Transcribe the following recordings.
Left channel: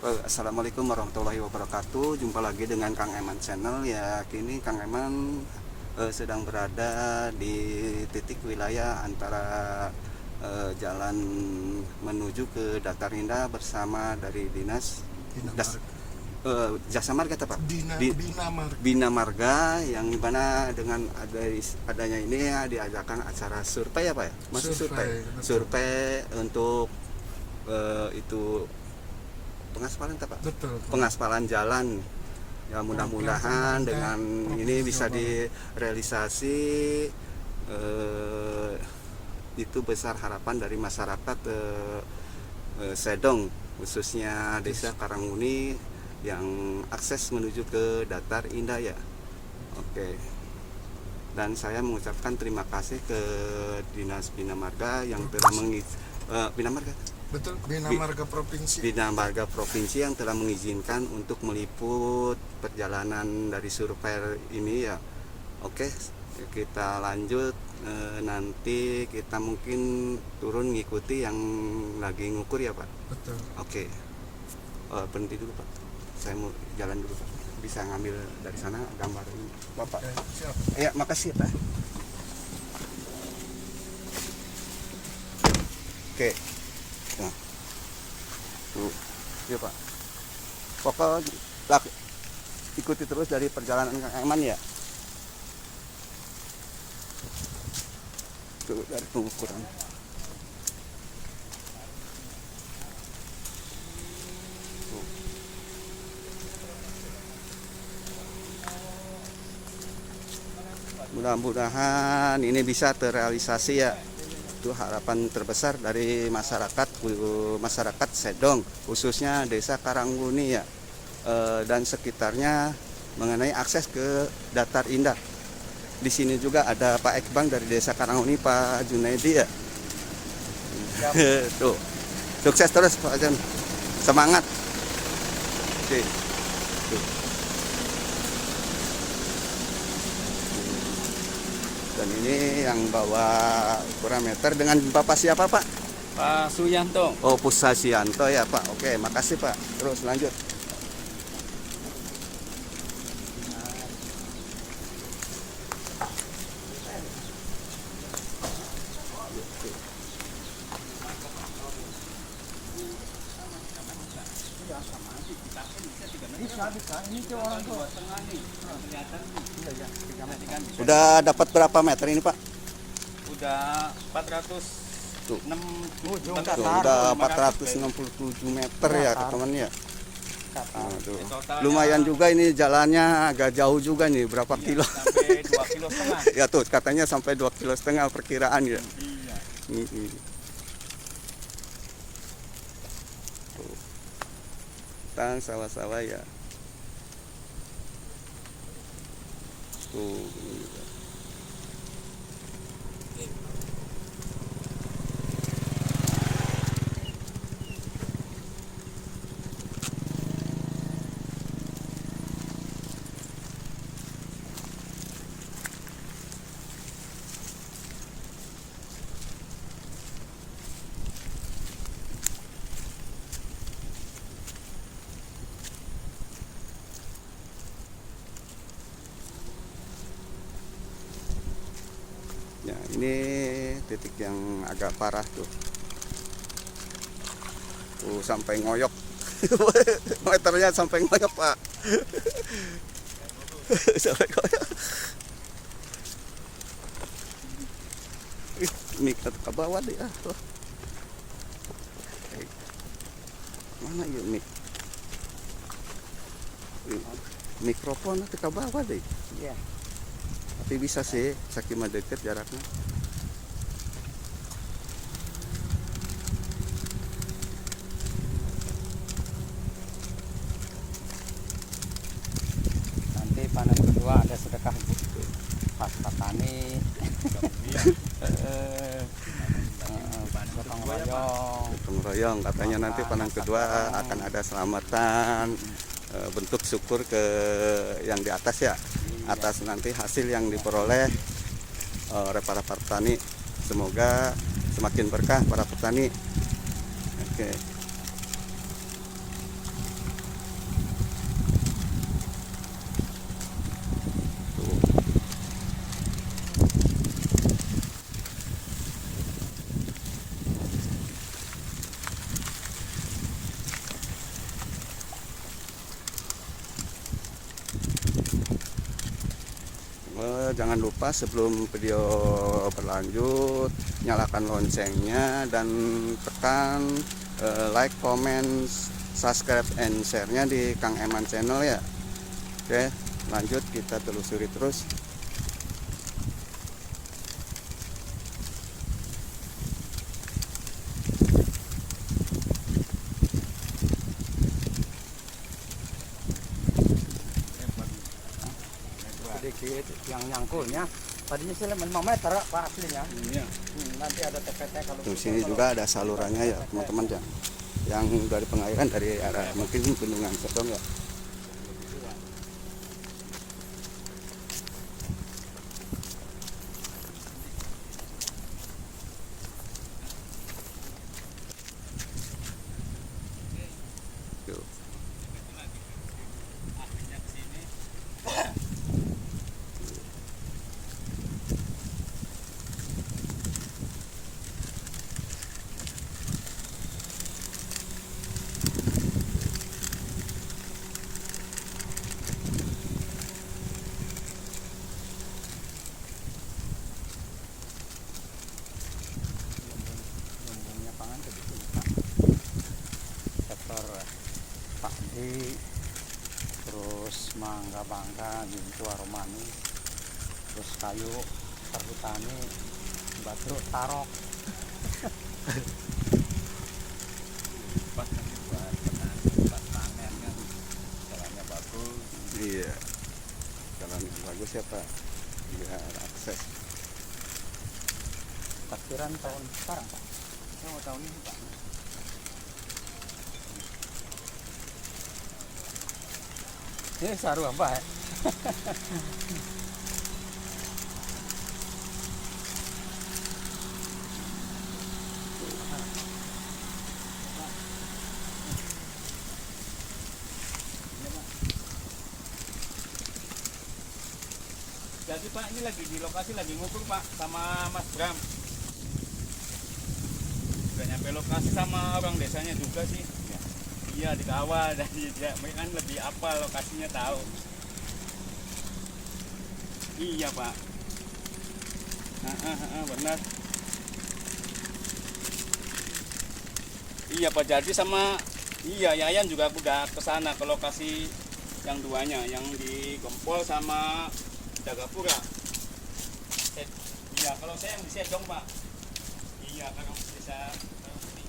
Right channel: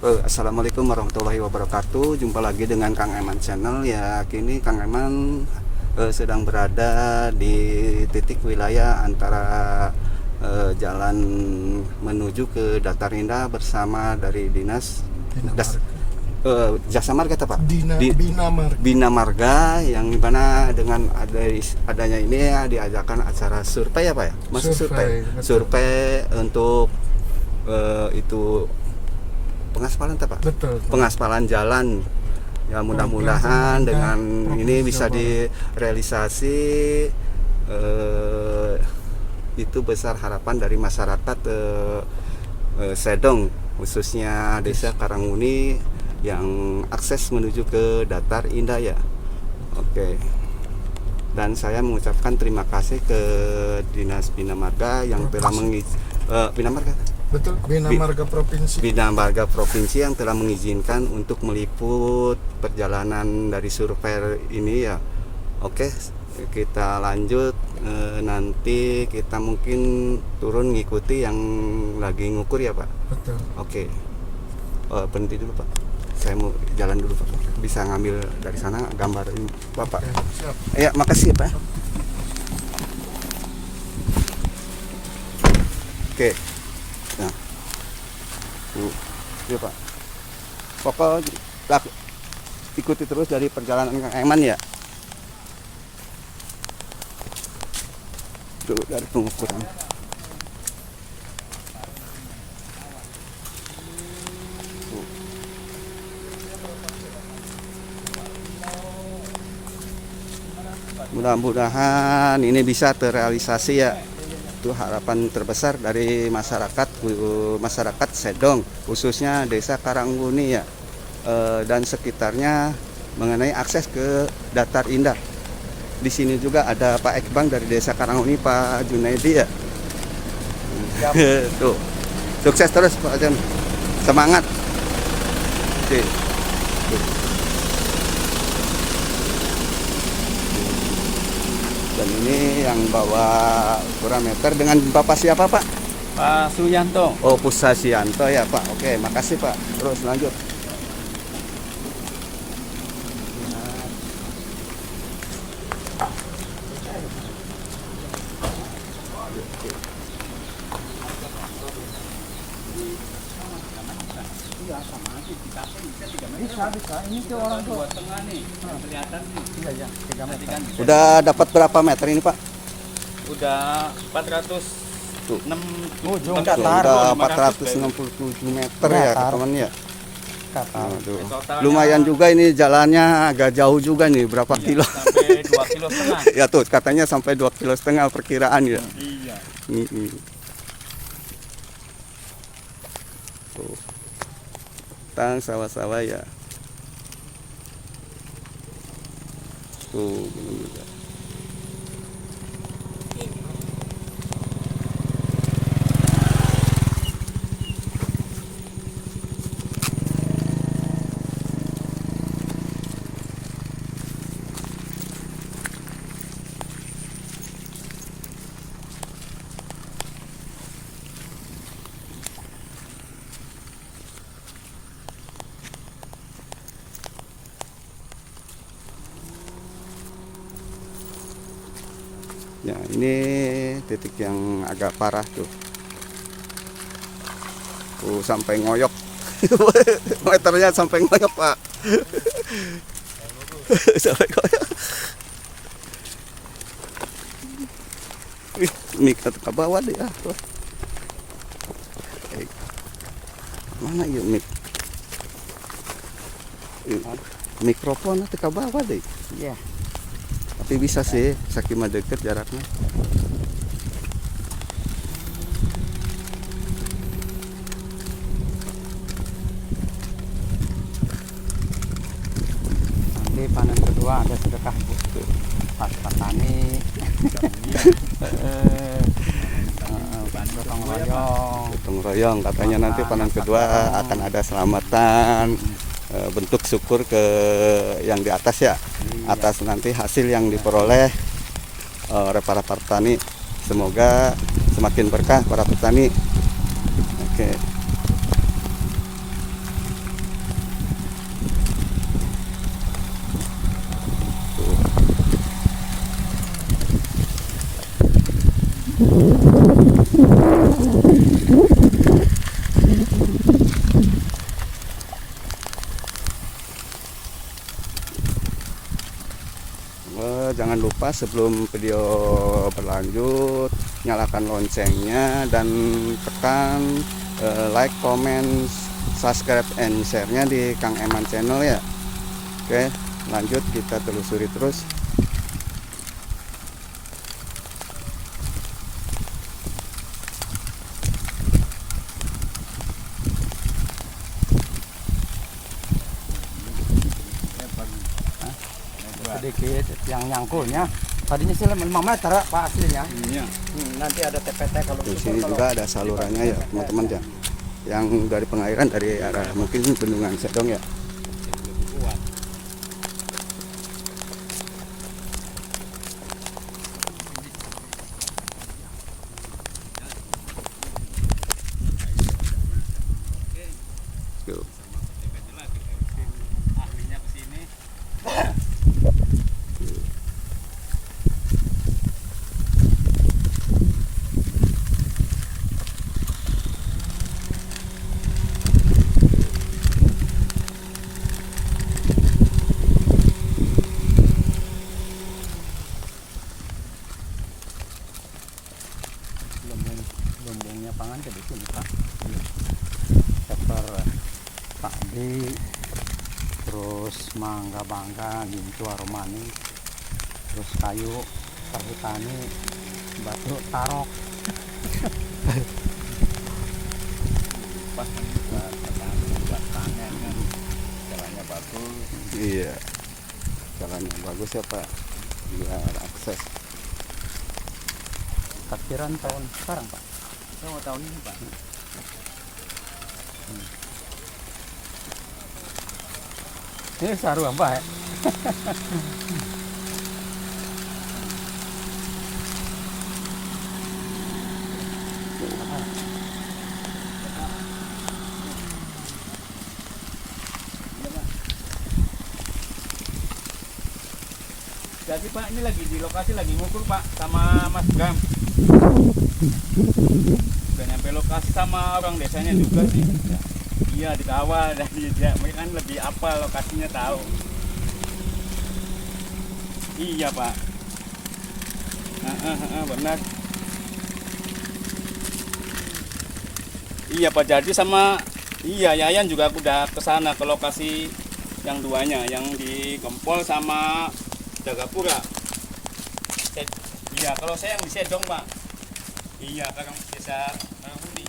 Assalamualaikum warahmatullahi wabarakatuh. Jumpa lagi dengan Kang Eman Channel ya. Kini Kang Eman sedang berada di titik wilayah antara jalan menuju ke Datar Indah bersama dari dinas Jasa Marga apa Pak? Bina Marga yang dimana dengan adanya ini ya diadakan acara survei apa ya? Masuk survei untuk itu pengaspalan Pak? Betul. Pengaspalan jalan. Ya mudah-mudahan dengan ini bisa direalisasi, itu besar harapan dari masyarakat Sedong, khususnya Desa Karanguni yang akses menuju ke Datar Indah ya. Oke. Dan saya mengucapkan terima kasih ke Dinas Bina Marga yang telah Bina Marga. Betul, Bina Marga Provinsi yang telah mengizinkan untuk meliput perjalanan dari survei ini ya. Oke, kita lanjut. Nanti kita mungkin turun ngikuti yang lagi ngukur ya Pak. Betul. Oke. Berhenti dulu Pak. Saya mau jalan dulu Pak. Bisa ngambil dari sana gambar ini Bapak. Siap. Ya, makasih ya Pak. Oke. Nah, ya Pak. Pokoknya ikuti terus dari perjalanan Kang Eman ya. Dulu dari pengukuran. Mudah-mudahan ini bisa terrealisasi ya. Itu harapan terbesar dari masyarakat Sedong, khususnya Desa Karanguni ya, dan sekitarnya mengenai akses ke Datar Indah. Di sini juga ada Pak Ekbang dari Desa Karanguni, Pak Junaidi ya. Tuh, sukses terus Pak Jan, semangat. Oke. Dan ini yang bawa ukuran meter dengan Bapak siapa Pak? Pak Suyanto. Oh, Pusasianto ya Pak. Oke, makasih Pak. Terus lanjut. Bisa. Ini tuh orang tuh. Tengah nih. Kelihatan nih. Iya, 3 meter. Udah dapat berapa meter ini Pak? Udah 400. Tuh. 6 Udah 467 meter ya teman ya. Lumayan juga ini jalannya, agak jauh juga nih, berapa kilo? Sampai 2,5 kilo. Ya tuh katanya sampai 2,5 kilo perkiraan ya. Iya. Tuh. Tang sawah-sawah ya. Tuh belum juga. Ya, ini titik yang agak parah tuh. Sampai ngoyok. Meternya sampai ngoyok, Pak. Sampai ngoyok. Mik ke bawah deh ah. Mana ya mik? Mikrofon nanti ke bawah deh. Iya. Tapi bisa sih, saking deket jaraknya. Nanti panen kedua ada sedekah pas petani. Gotong royong katanya nanti panen kedua akan ada selamatan, bentuk syukur ke yang di atas ya. Atas nanti hasil yang diperoleh oleh para petani. Semoga semakin berkah para petani. Oke. jangan lupa sebelum video berlanjut nyalakan loncengnya dan tekan like, comment, subscribe, and share-nya di Kang Eman channel ya. Oke, lanjut kita telusuri terus. Sedikit yang nyangkulnya tadinya sih 5 meter Pak aslinya. Iya. Nanti ada TPT kalau Di sini juga ada salurannya ya teman-teman ya, yang dari pengairan dari arah mungkin bendungan Sedong ya. Tuh. Lumbungnya pangan jadi itu Pak. Sektor padi, terus mangga bangga, gincu aromani, terus kayu, perhutani, batu tarok. Pas buat petani, buat panen kan, jalannya bagus. Iya, jalan yang bagus ya Pak, biar akses. Takbiran tahun sekarang Pak. Tahun ini Pak. Ini saru apa ya? Jadi Pak ini lagi di lokasi lagi ngukur Pak sama Mas Bram. Udah nyampe lokasi sama orang desanya juga sih. Iya dikawal dari dia, mereka kan lebih apal lokasinya tahu. Iya Pak. Benar. Iya Pak, jadi sama Yayan juga udah kesana ke lokasi yang duanya, yang di Gempol sama Jagapura. Iya, kalau saya yang di Sedong Pak. Iya, kakak desa Budi.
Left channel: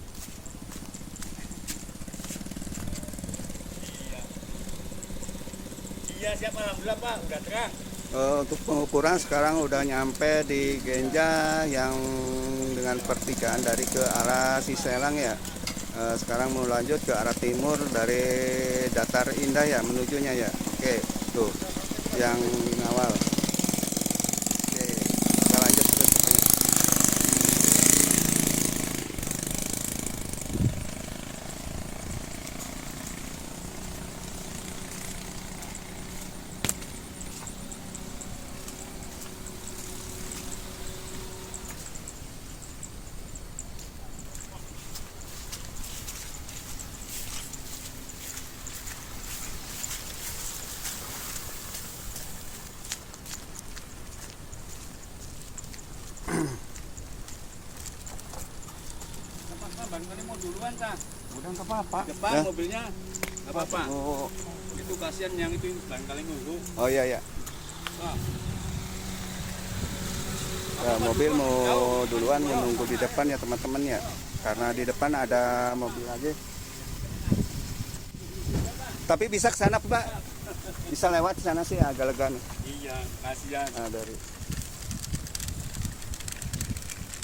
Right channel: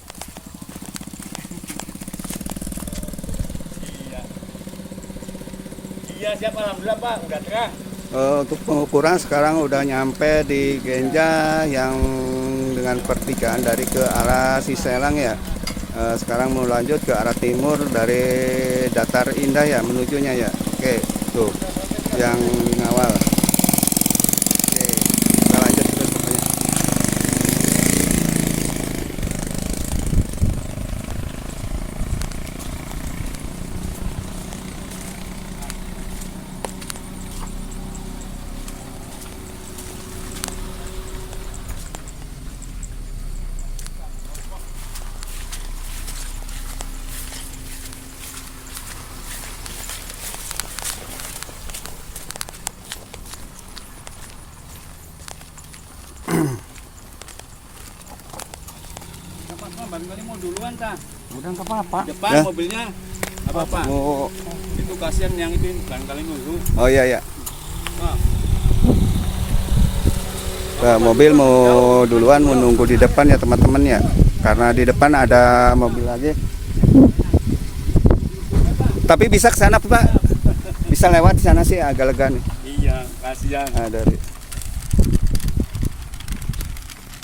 Iya. Iya, siap alhamdulillah Pak, udah terang. Untuk pengukuran sekarang udah nyampe di Genja yang dengan pertigaan dari ke arah Siselang ya. Sekarang mau lanjut ke arah timur dari Datar Indah ya menujunya ya. Oke, tuh yang ngawal. Oke, kita lanjut terus pokoknya. Pak, barangkali mau duluan tah. Udah nggak apa-apa. Depan Ya. mobilnya. Nggak apa-apa. Oh, Itu kasihan yang itu barangkali nunggu. oh iya ya. Wah. Mobil mau duluan menunggu di depan ya teman-teman ya. Karena di depan ada mobil lagi. Tapi bisa ke sana Pak. Bisa lewat di sana sih agak lega nih. Iya, kasihan. Dari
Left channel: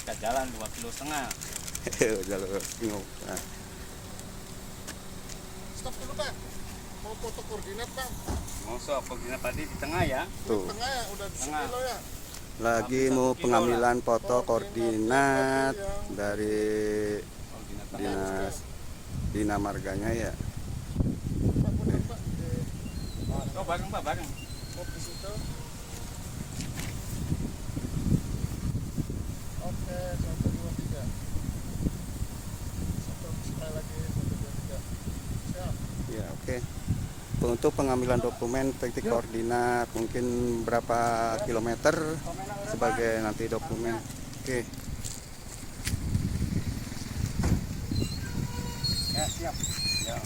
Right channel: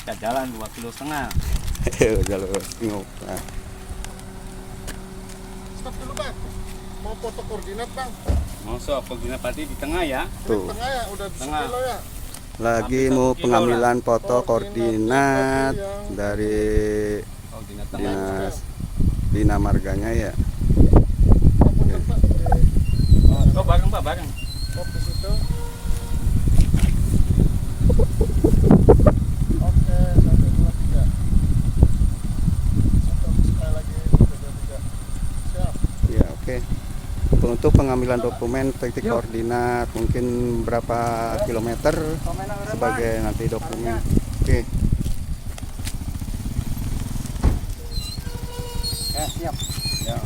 Kita jalan 2,5 km. jalur bingung. Nah, Stop dulu Bang. Mau foto koordinat Bang. Masuk koordinat tadi di tengah ya. tuh Tengah ya, udah di Tengah. sekilo ya. lagi mau pengambilan foto koordinat dari Koordinat tengah. dinas Bina Marganya ya. Ampun Pak. Oh, bareng Pak, bareng. Stop di situ. Oke, 1, 2, 3. Stop sekali lagi 1, 2, 3. Siap. Ya oke. untuk pengambilan dokumen, titik koordinat, mungkin berapa kilometer sebagai nanti dokumen. Oke. Siap. Ya.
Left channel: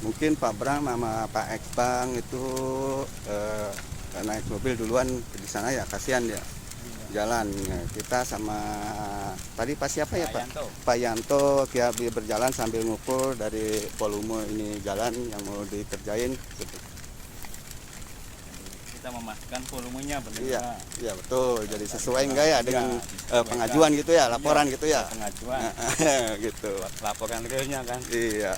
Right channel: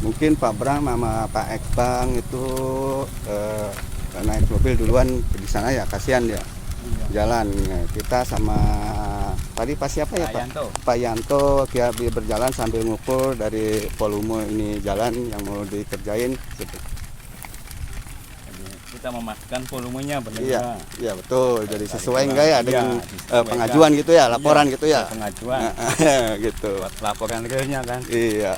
Mungkin Pak Bram sama Pak Ekbang itu naik mobil duluan di sana ya, kasihan ya jalan. Nah, kita sama tadi Pak siapa ya, Pak Yanto. Pak Yanto dia berjalan sambil ngukur dari volume ini jalan yang mau dikerjain. Jadi kita memastikan volumenya benar. Iya, iya betul. Jadi sesuai enggak ya Iya, dengan disesuaikan. pengajuan gitu ya, laporan Iya, gitu ya. Pengajuan. Gitu. Buat laporan realnya kan. Iya.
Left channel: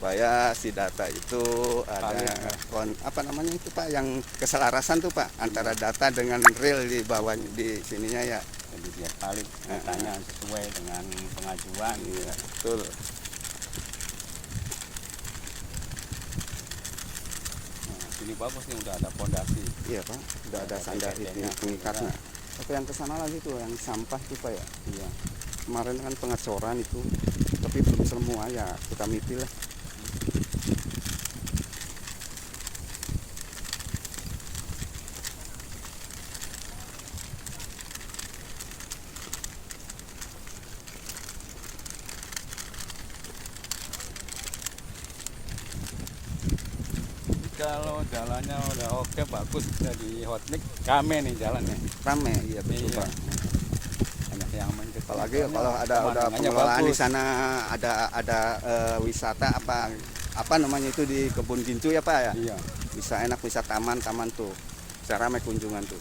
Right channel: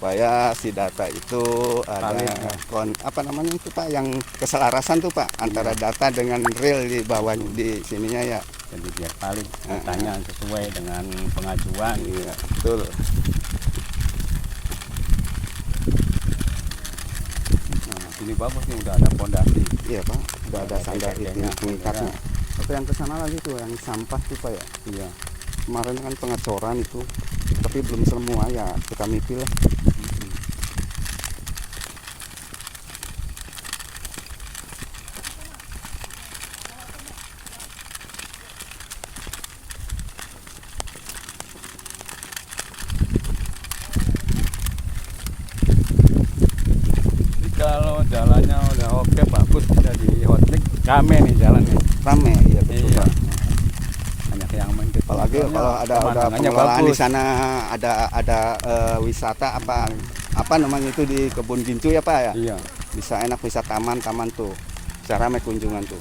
Supaya si data itu ada Valid, ya. apa namanya itu Pak, yang keselarasan tuh Pak antara data dengan real di bawah di sininya ya. Jadi biar valid datanya sesuai dengan pengajuan. Iya, betul. Nah, ini bagus nih udah ada pondasi. Iya Pak, udah ada sandar TPP-nya. pengikatnya. Tapi yang kesana lagi tuh yang sampah tuh Pak ya. Iya. Kemarin kan pengecoran itu, tapi belum semua ya, kita mitil lah. Kalau jalannya udah oke bagus udah di hotmix rame nih jalannya. Rame, iya betul Iya. Pak. Banyak yang main ke Apalagi sononya, kalau ada pemandangannya pengelolaan di bagus. sana, ada wisata apa namanya itu di Kebun Gincu ya Pak ya. Iya. Bisa enak, bisa taman tuh. Cara ramai kunjungan tuh.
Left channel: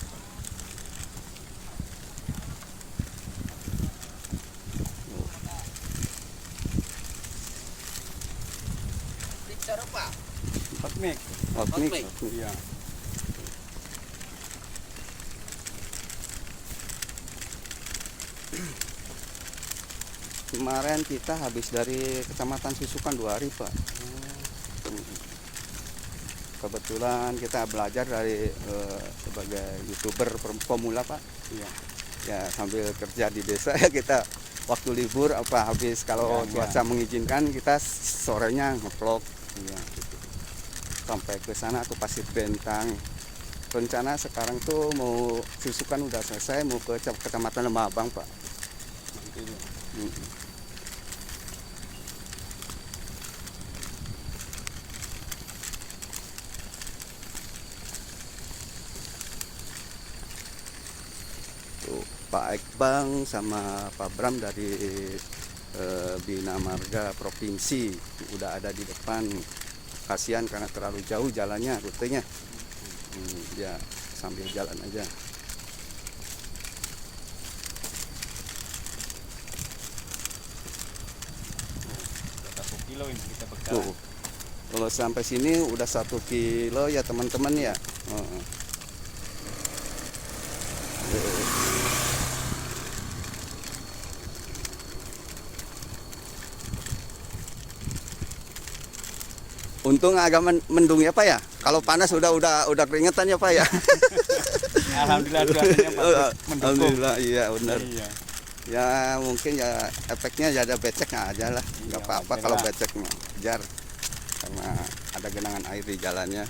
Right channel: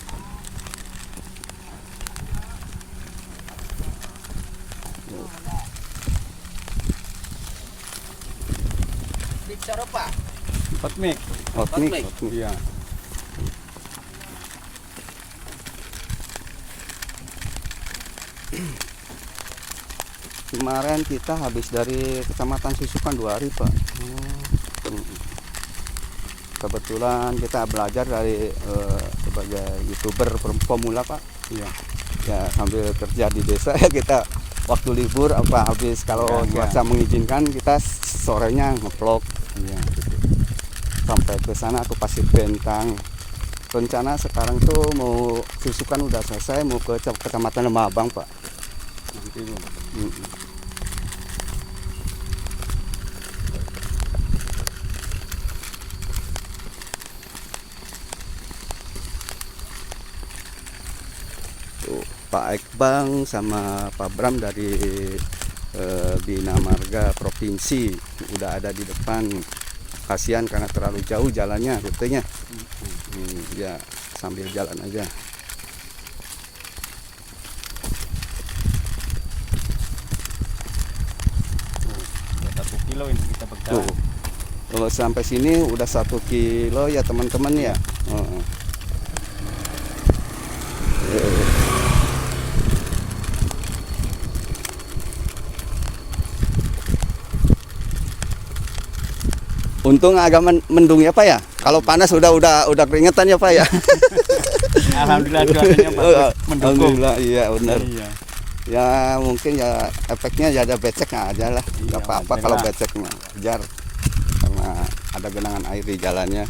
Bicara Pak. Hotmix. Hotmix. Iya. Kemarin kita habis dari Kecamatan Susukan 2 hari Pak. Kebetulan kita belajar dari sebagai YouTuber pemula Pak. Iya. Ya sambil kerja di desa ya kita waktu libur apa habis kalau Iya, cuaca mengizinkan kita sorenya ngevlog. Iya. Sampai ke sana ke Pasir Bentang. Rencana sekarang tuh mau Susukan udah selesai, mau ke Kecamatan Lemabang Pak. Nanti lu. Tuh, Pak Ekbang sama Pak Bram dari Bina Marga Provinsi udah ada di depan. Kasihan karena terlalu jauh jalannya, rutenya. Ya sambil jalan aja. Udah 1 kilo ini kita berjalan. Tuh, kalau sampai sini udah 1 kilo ya teman-teman ya. Untung agak mendung ya Pak ya. Kalau panas udah keringetan ya Pak ya. Alhamdulillah cuacanya bagus, mendukung. Alhamdulillah iya benar. Iya. Ya mungkin ya efeknya ya ada becek aja lah. Iya, Gak apa-apa wajar kalau lah. becek mah wajar. Karena ada genangan air di jalannya.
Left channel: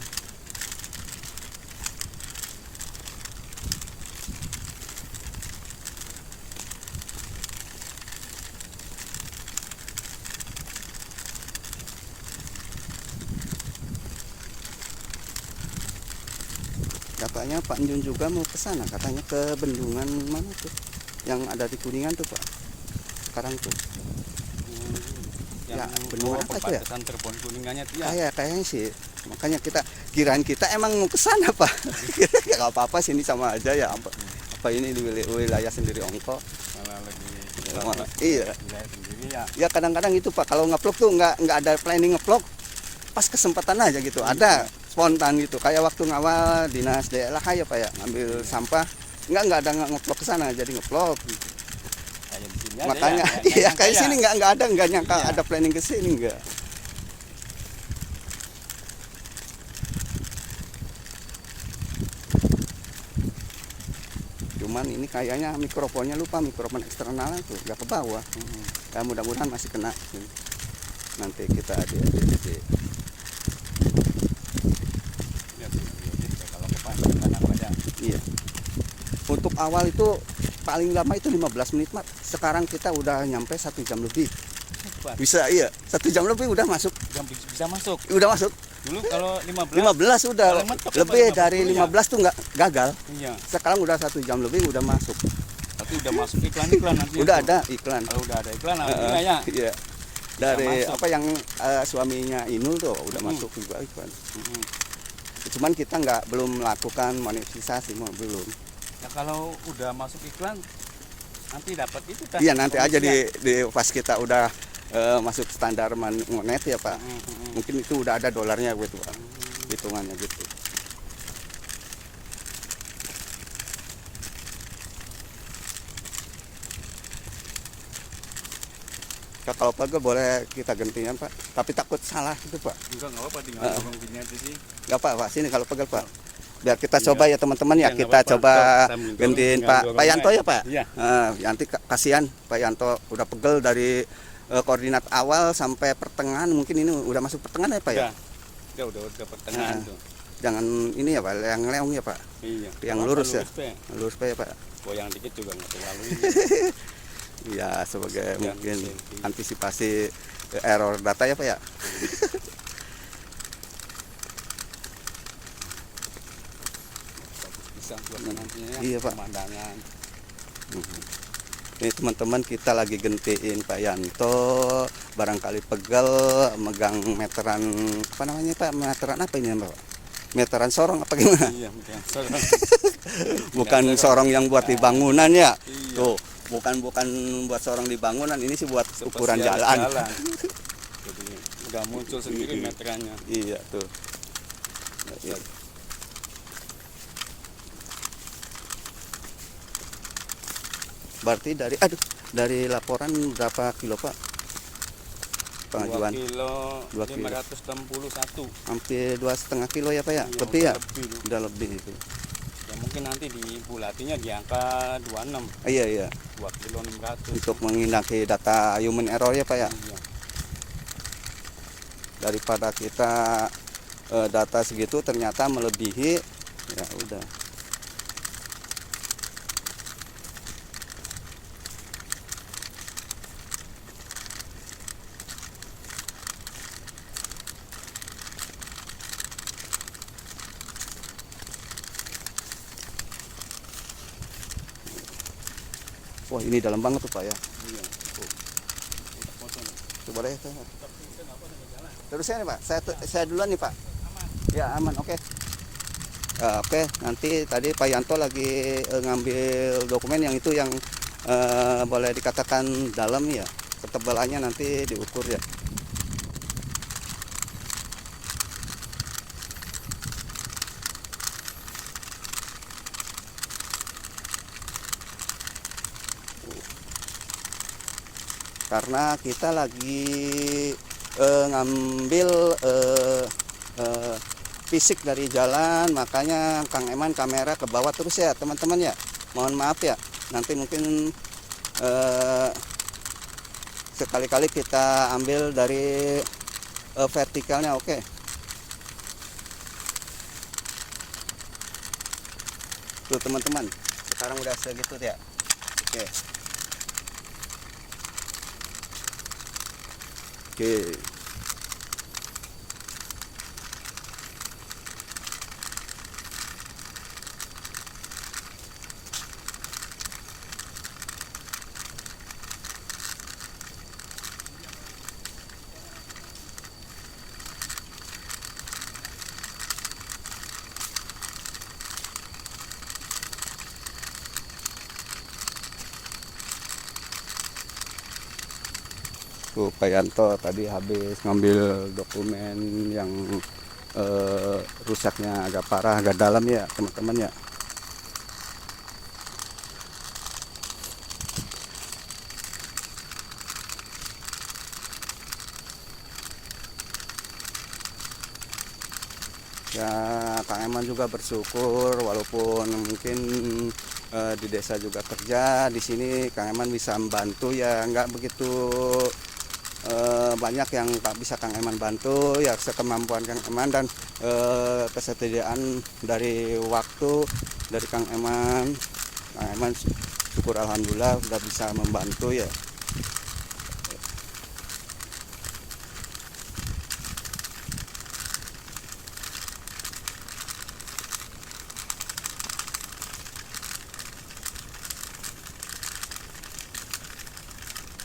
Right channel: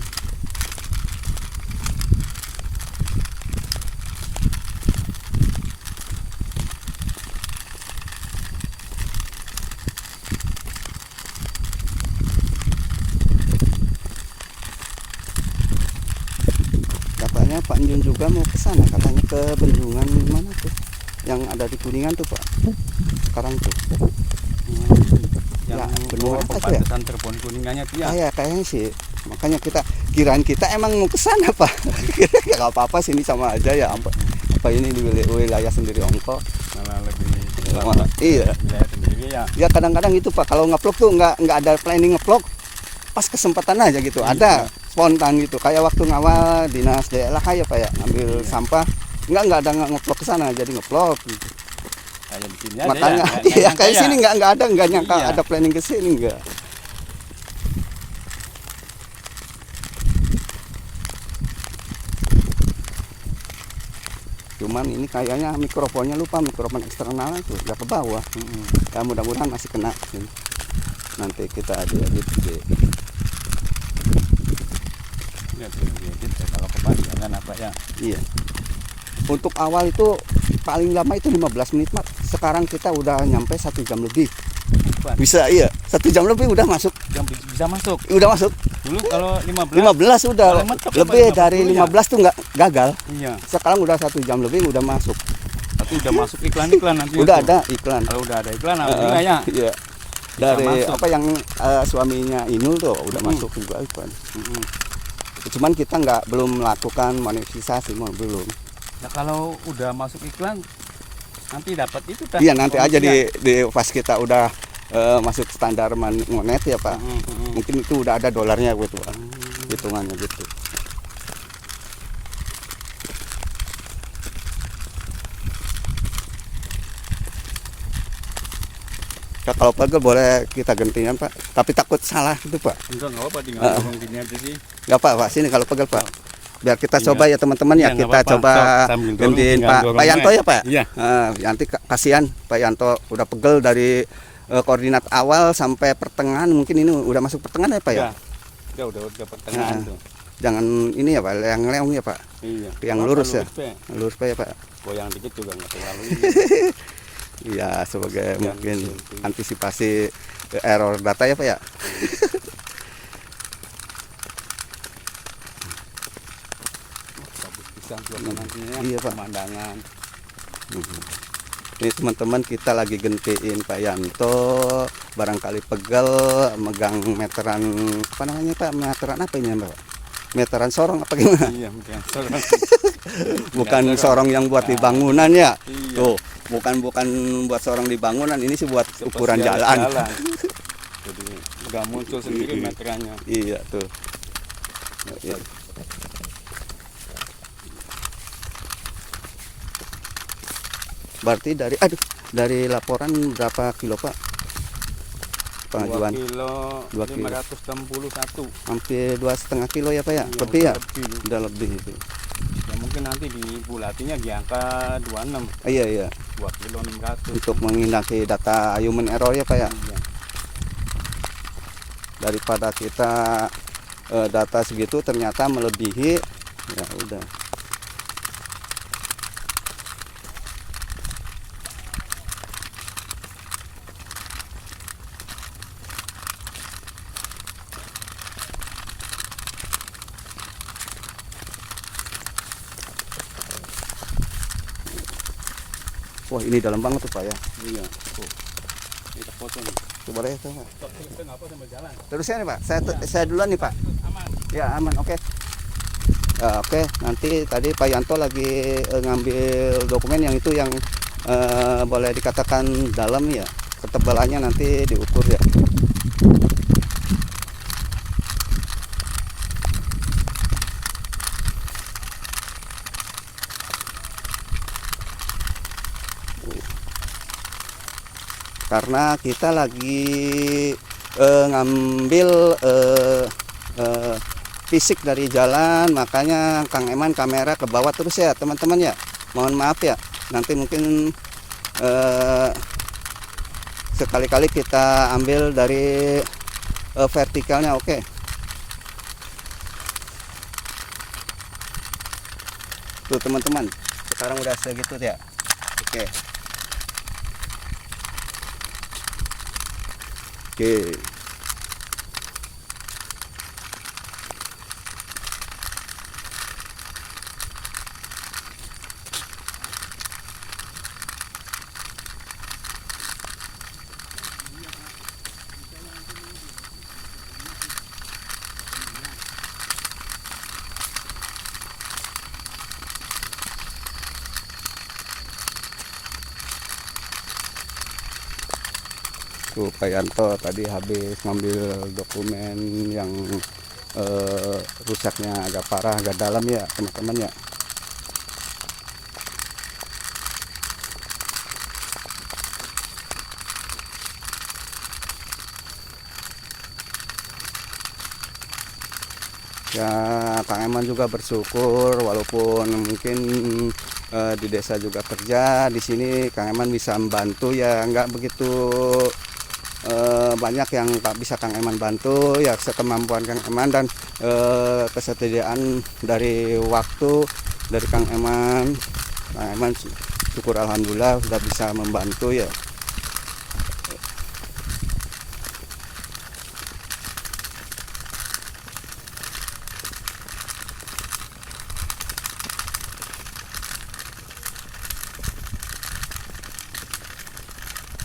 Katanya Pak Njun juga mau ke sana, katanya ke bendungan mana tuh? Yang ada di Kuningan tuh Pak. Sekarang tuh. Yang Ya, bendungan apa tuh ya? perbatasan Cirebon Kuningannya tuh ya. Kayaknya sih. Makanya kirain kita emang mau ke sana Pak. Gak apa-apa sini sama aja ya. Apa ini di wilayah sendiri ongko. Malah lebih Iya. wilayah sendiri ya. Ya kadang-kadang itu Pak, kalau ngevlog tuh nggak ada planning ngevlog. Pas kesempatan aja gitu. Ada spontan gitu. Kayak waktu ngawal dinas daerah ya Pak ya, ngambil sampah. Nggak ada ngevlog ke sana, jadi ngevlog gitu. Kayak di sini Makanya ada ya. iya kayak sini nggak ada, nggak nyangka Iya. ada planning ke sini nggak. Cuman ini kayaknya mikrofonnya lupa, mikrofon eksternal itu nggak ke bawah. Ya mudah-mudahan masih kena. Nanti kita edit. Ya, kalau kepancing kan apa ya? Iya. Untuk awal itu paling lama itu 15 menit, Mak. Sekarang kita udah nyampe 1 jam lebih. Bisa, iya. 1 jam lebih udah masuk. Bisa masuk. Udah masuk. Dulu kalau 15 15 udah. Paling mentok Lebih apa, dari 50 ya? 15 tuh nggak gagal. Iya. Sekarang udah 1 jam lebih udah masuk. Tapi udah masuk iklan-iklan nanti. Udah itu. ada iklan. Kalau udah ada iklan alhamdulillah ya. Iya. Dari masuk. apa yang suaminya Inul tuh udah masuk juga iklan. Cuman kita belum melakukan monetisasi, belum. Nah, kalau udah masuk iklan nanti dapat itu kan? Iya, nanti aja di pas kita udah masuk standar monet ya, Pak. Mungkin itu udah ada dolarnya gitu, Pak. Hitungannya gitu. Ya, kalau pegel boleh kita gantian, Pak. Tapi takut salah gitu, Pak. Enggak apa-apa tinggal dorong gini aja sih. Enggak, Pak. Sini kalau pegel, Pak. Biar kita Iya. coba ya teman-teman ya. Iya, nggak Kita apa-apa. coba Sambil dorong, gantiin tinggal Pak dorongnya. Yanto ya, Pak. Iya. Nanti kasihan Pak Yanto udah pegel dari koordinat awal sampai pertengahan. Mungkin ini udah masuk pertengahan ya, Pak ya. Ya. Udah pertengahan tuh. Jangan ini ya, Pak, yang leong ya, Pak. Iya. Yang lurus ya. Pak. Lurus Pak ya, Pak. Goyang dikit juga enggak terlalu. Iya, sebagai Jangan mungkin gitu. antisipasi error data ya, Pak ya. Bisa buat nantinya Iya, Pak. pemandangan. Ini teman-teman kita lagi gentiin Pak Yanto, barangkali pegel megang meteran apa namanya, Pak? Meteran apa ini, Pak? Meteran sorong apa gimana? Iya, bukan. Bukan sorong yang buat di bangunan ya. Iya. Tuh, bukan buat sorong di bangunan, ini sih buat ukuran jalan. Jadi nggak muncul sendiri meterannya. Iya, tuh. Berarti dari laporan berapa kilo, Pak? 2 Pengajuan kilo 2 kilo. 561. Hampir 2,5 kilo ya, Pak ya? Iya, Lebih ya? lebih. Udah lebih itu. Ya mungkin nanti dibulatinya di angka 26, Iya, iya. 2 kilo 600. Untuk menghindari data human error ya, Pak ya. Iya. Daripada kita data segitu ternyata melebihi, ya udah. Wah, ini dalam banget tuh, Pak ya. Iya. Tuh. Kita foto nih. Coba deh, Pak. Kita nggak apa sambil jalan. Terusnya nih, Pak. Saya duluan nih, Pak. Ya, aman. Oke. Oke, nanti tadi Pak Yanto lagi ngambil dokumen yang itu yang boleh dikatakan dalam ya. Ketebalannya nanti diukur ya. Karena kita lagi ngambil fisik dari jalan, makanya Kang Eman kamera ke bawah terus ya teman-teman ya. Mohon maaf ya, nanti mungkin sekali-kali kita ambil dari vertikalnya. Oke. Tuh teman-teman, sekarang udah segitu ya. Oke. Oke. Tuh Pak Yanto tadi habis ngambil dokumen yang rusaknya agak parah, agak dalam ya teman-teman ya. Ya Kang Eman juga bersyukur walaupun mungkin di desa juga kerja. Di sini Kang Eman bisa membantu ya, nggak begitu banyak yang tak bisa Kang Eman bantu ya, sekemampuan Kang Eman dan kesetiaan dari waktu dari Kang Eman. Kang Eman syukur alhamdulillah sudah bisa membantu ya.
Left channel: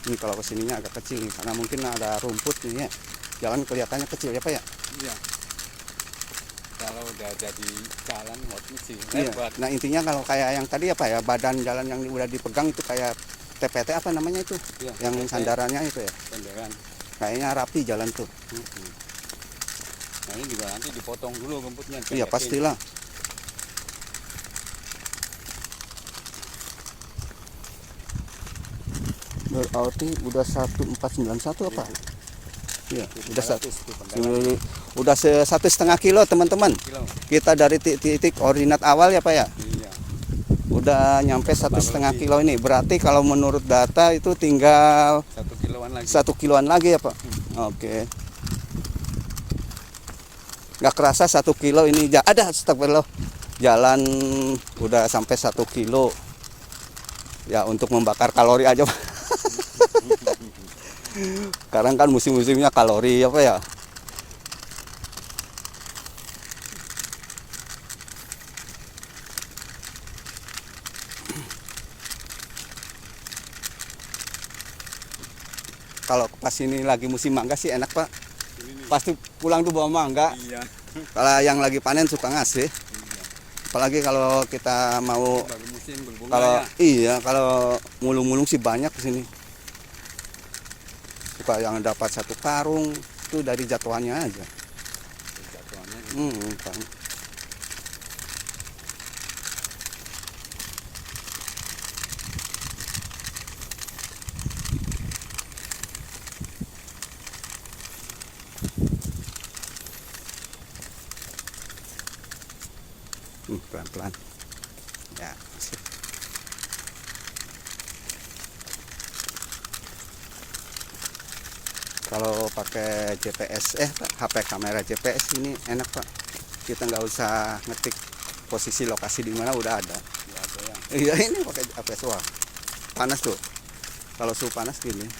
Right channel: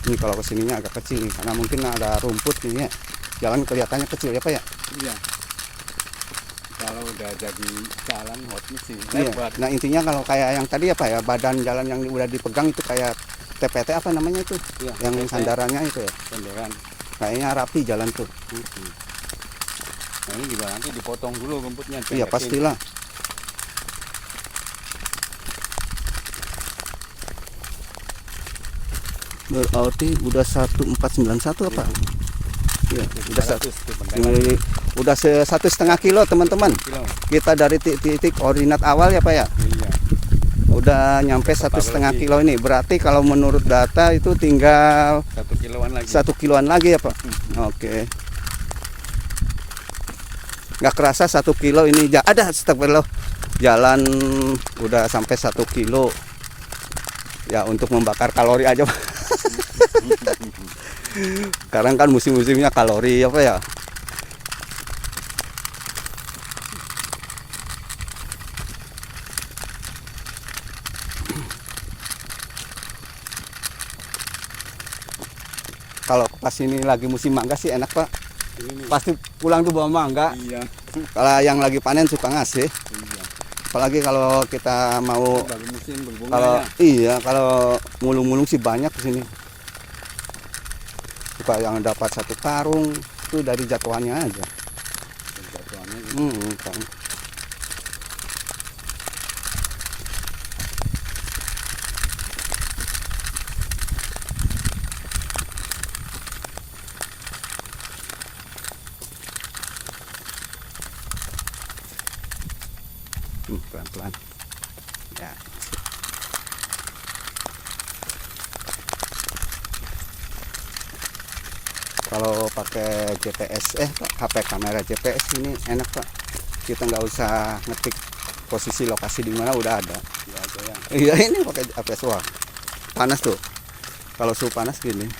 Ini kalau kesininya agak kecil nih, karena mungkin ada rumput nih ya. Jalan kelihatannya kecil ya Pak ya. Iya. Kalau udah jadi jalan hot sih. Iya. Nah intinya kalau kayak yang tadi apa ya, badan jalan yang udah dipegang itu kayak TPT apa namanya itu, Iya, yang TPT. sandarannya itu ya. Kendaraan. Kayaknya rapi jalan tuh. Nah ini juga nanti dipotong dulu rumputnya. Iya pastilah. Berarti udah 1491 apa? Iya, udah 1,5 kilo teman-teman. Kita dari titik koordinat awal ya Pak ya. Iya. Udah nyampe 1,5 kilo ini. Berarti kalau menurut data itu tinggal 1 kiloan lagi. 1 kiloan lagi ya Pak. Oke. Nggak kerasa 1 kilo ini ada astagfirullah. Jalan udah sampai 1 kilo. Ya untuk membakar kalori aja Pak. Sekarang kan musim-musimnya kalori apa ya. Kalau pas ini lagi musim mangga sih enak Pak. Pasti pulang tuh bawa mangga. Iya. Kalau yang lagi panen suka ngasih. Iya. Apalagi kalau kita mau Dari musim berbunga kalau ya. iya kalau mulung-mulung sih banyak di sini. Suka yang dapat 1 karung itu dari jatuhannya aja. Kan. Pelan-pelan. Ya. Kalau pakai GPS, HP kamera GPS ini enak Pak. Kita nggak usah ngetik posisi lokasi di mana, udah ada. Iya ini pakai GPS. Wah panas tuh. Kalau suhu panas gini.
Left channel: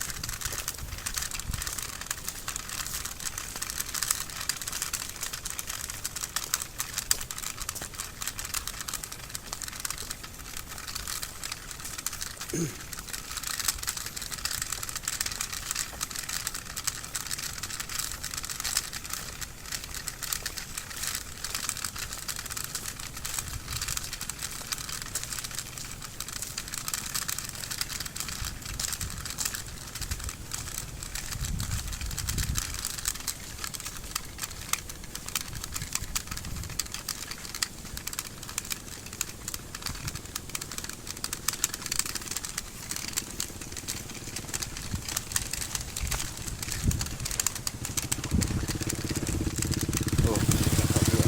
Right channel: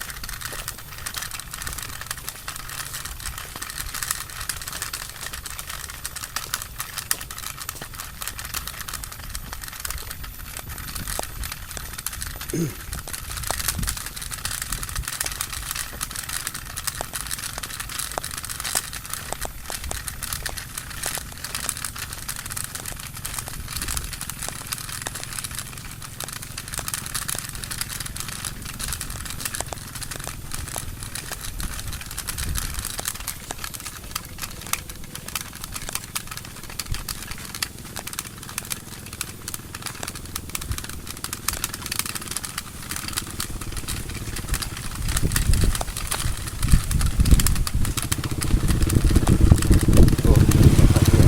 Tuh, dapat dia.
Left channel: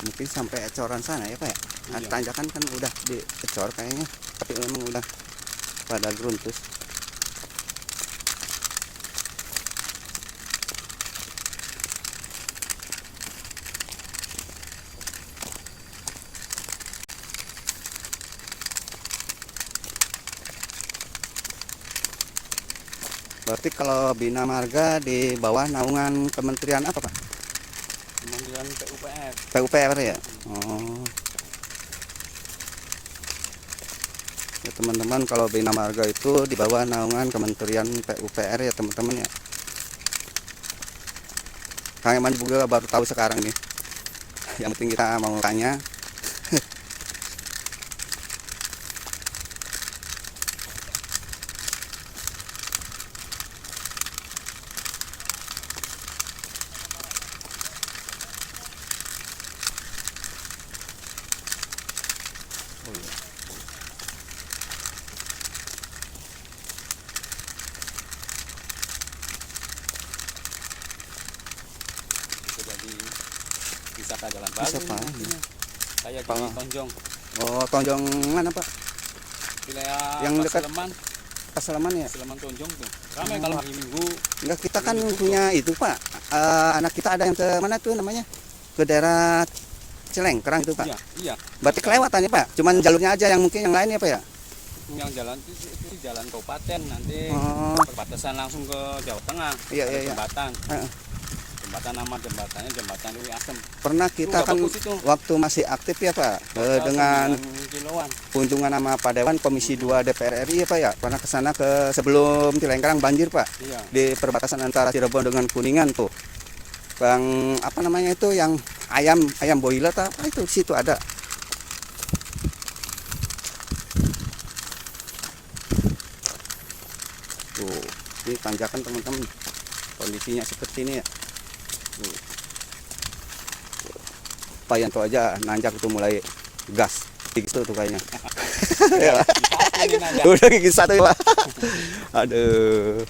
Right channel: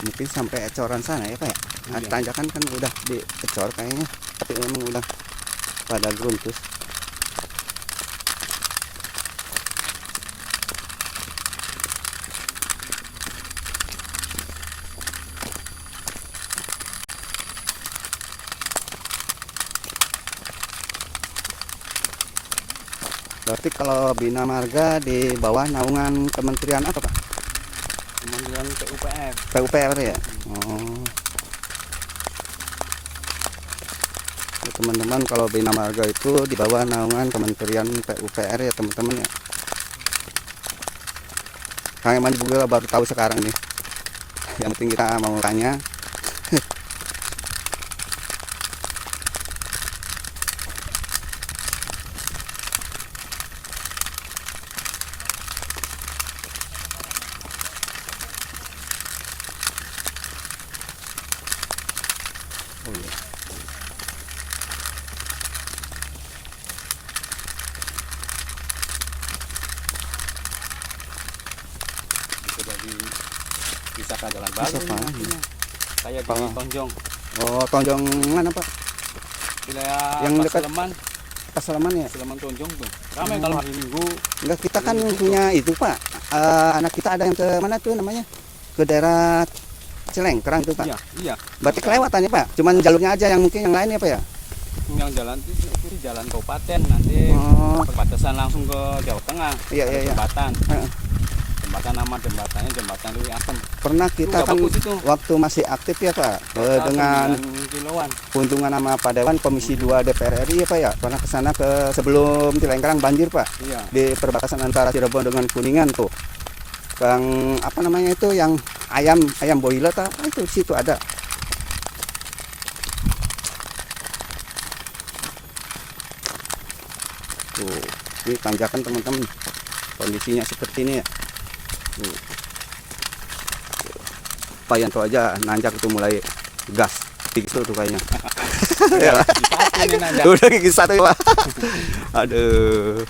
Mungkin sampai ecoran sana ya Pak ya. Iya. Tanjakan kan udah diecor kayaknya, tapi memang udah pada gruntus. Berarti kalau Bina Marga di bawah naungan Kementerian apa Pak? Kemudian PUPR. PUPR ya. Oh. Ya, teman-teman kalau Bina Marga itu di bawah naungan Kementerian PUPR ya teman-teman ya. Kang Eman juga baru tahu sekarang nih. Yang penting kita mau tanya. wisata jalan baru. Wisata, ini iya. artinya. Kayak di Kalau- Tonjong, Oh, Tonjong mana Pak? wilayah Yang dekat- Paseleman, Pasalaman ya? Paseleman Tonjong tuh. Ramai kalau hari Minggu. Enggak, kita kan punya itu Pak. Anak kita ada yang ke mana tuh namanya? Ke daerah Celengkrang itu Pak. Iya, iya. Berarti kelewatannya Pak. Cuman jalurnya aja yang mungkin yang lainnya Pak ya? Yang jalan itu jalan kabupaten nanti Oh. perbatasan langsung ke Jawa Tengah. Iya, Ada iya, iya. Jembatan. Heeh. Jembatan nama jembatannya jembatan Lui Asem. Pernah kita Nggak kan bagus itu. waktu masih aktif ya Pak, dengan 9 kiloan. keuntungan sama Pak Dewan Komisi 2 DPR RI ya Pak ya, karena kesana ke sebelum Cilengkrang banjir Pak, Iya. di perbatasan antara Cirebon dengan Kuningan tuh, yang apa namanya itu, yang ayam boiler itu di situ ada. Tuh, ini tanjakan teman-teman, kondisinya seperti ini ya. Tuh. Pak Yanto aja nanjak itu mulai gas, itu tuh kayaknya. Ya. Bisa ini nanjak. Udah gigi satu Pak. Aduh.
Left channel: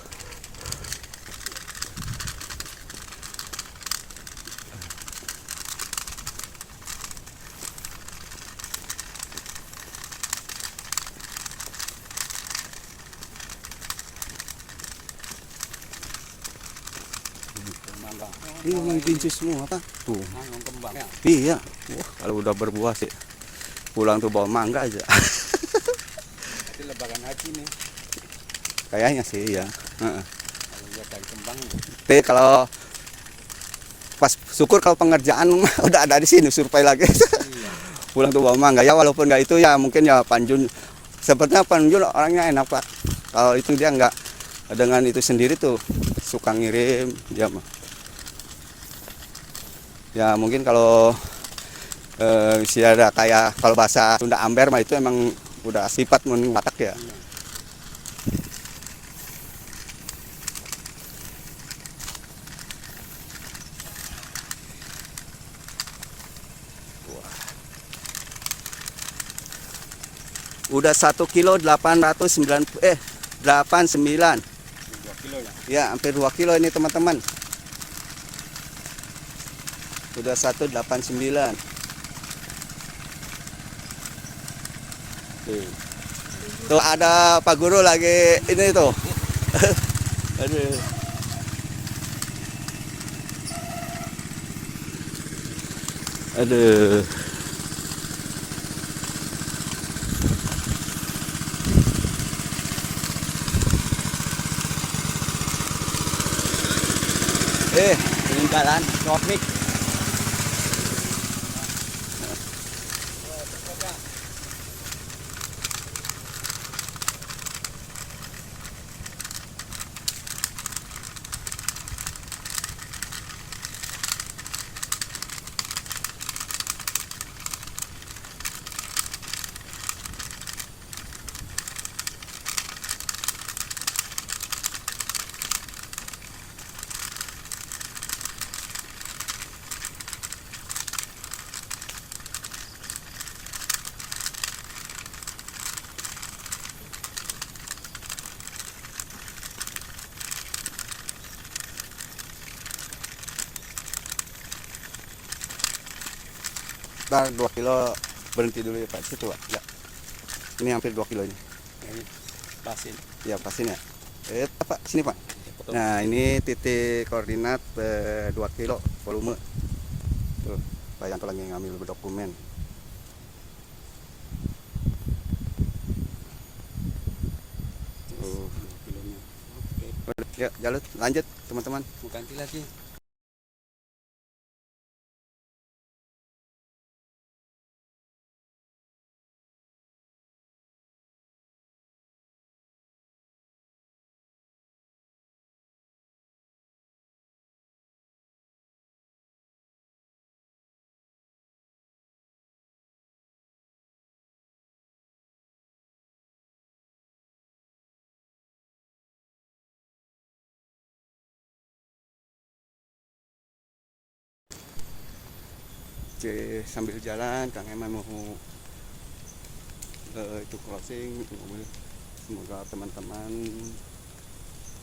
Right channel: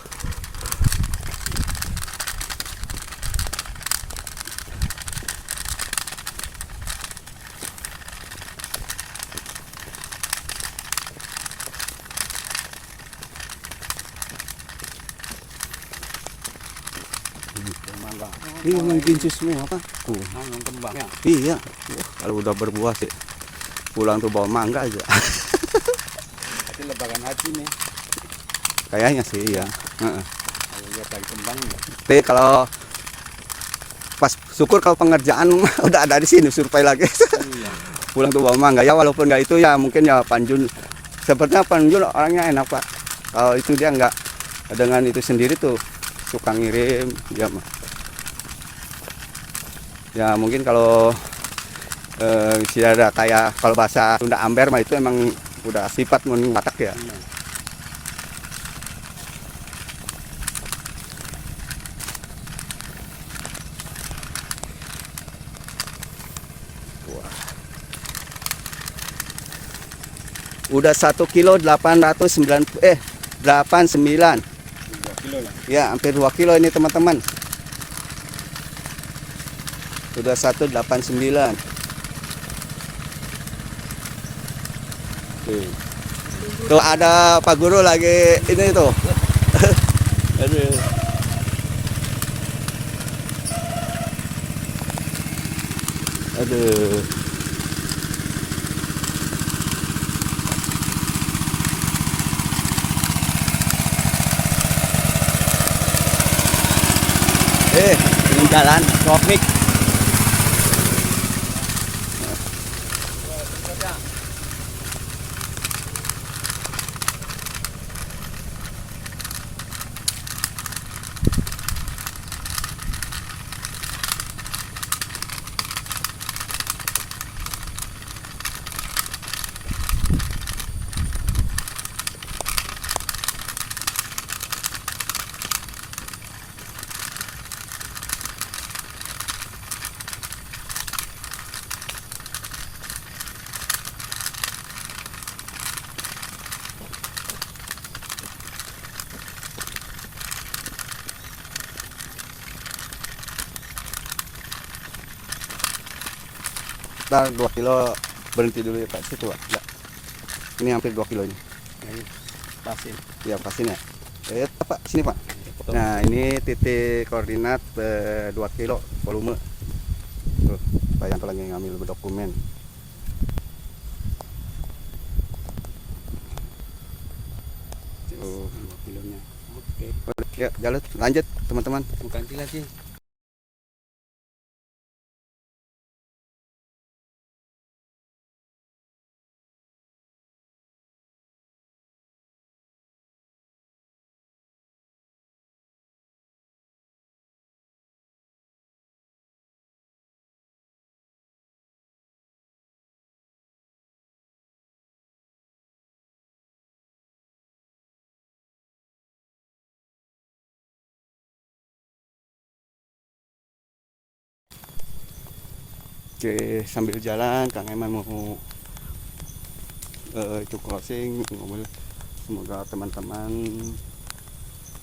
Ini memang gincu semua Pak. Yang kembang ya. Iya. Wah, kalau udah berbuah sih pulang tuh bawa mangga aja. Tapi lebaran hati nih. Kayaknya sih ya. Heeh. Kalau lihat dari kembangnya. Tapi kalau pas syukur kalau pengerjaan udah ada di sini survei lagi. Iya. Pulang tuh bawa mangga ya, walaupun nggak itu ya mungkin ya Panjun. Sepertinya Panjun orangnya enak Pak. Kalau itu dia nggak dengan itu sendiri tuh suka ngirim dia mah. Ya mungkin kalau sih ada kayak kalau bahasa Sunda amber mah itu emang udah sifat mun Batak ya. Udah 1 kilo 890 89. 2 kilo lah. Ya, hampir 2 kilo ini teman-teman. Udah 189. Tuh ada Pak Guru lagi ini tuh. Aduh. Aduh. Ini jalan traffic. Ntar 2 kilo berhenti dulu ya Pak situ Pak. Ya. Ini hampir 2 kilonya. Ini pasir. Ya pasin ya. Pak sini Pak. Nah ini titik koordinat 2 kilo volume. Tuh, Pak Yanto lagi ngambil dokumen. Tuh, 2 kilonya. Oke. ya jalan lanjut teman-teman. Ganti lagi. Oke, sambil jalan Kang Eman mau itu closing mobil. Semoga teman-teman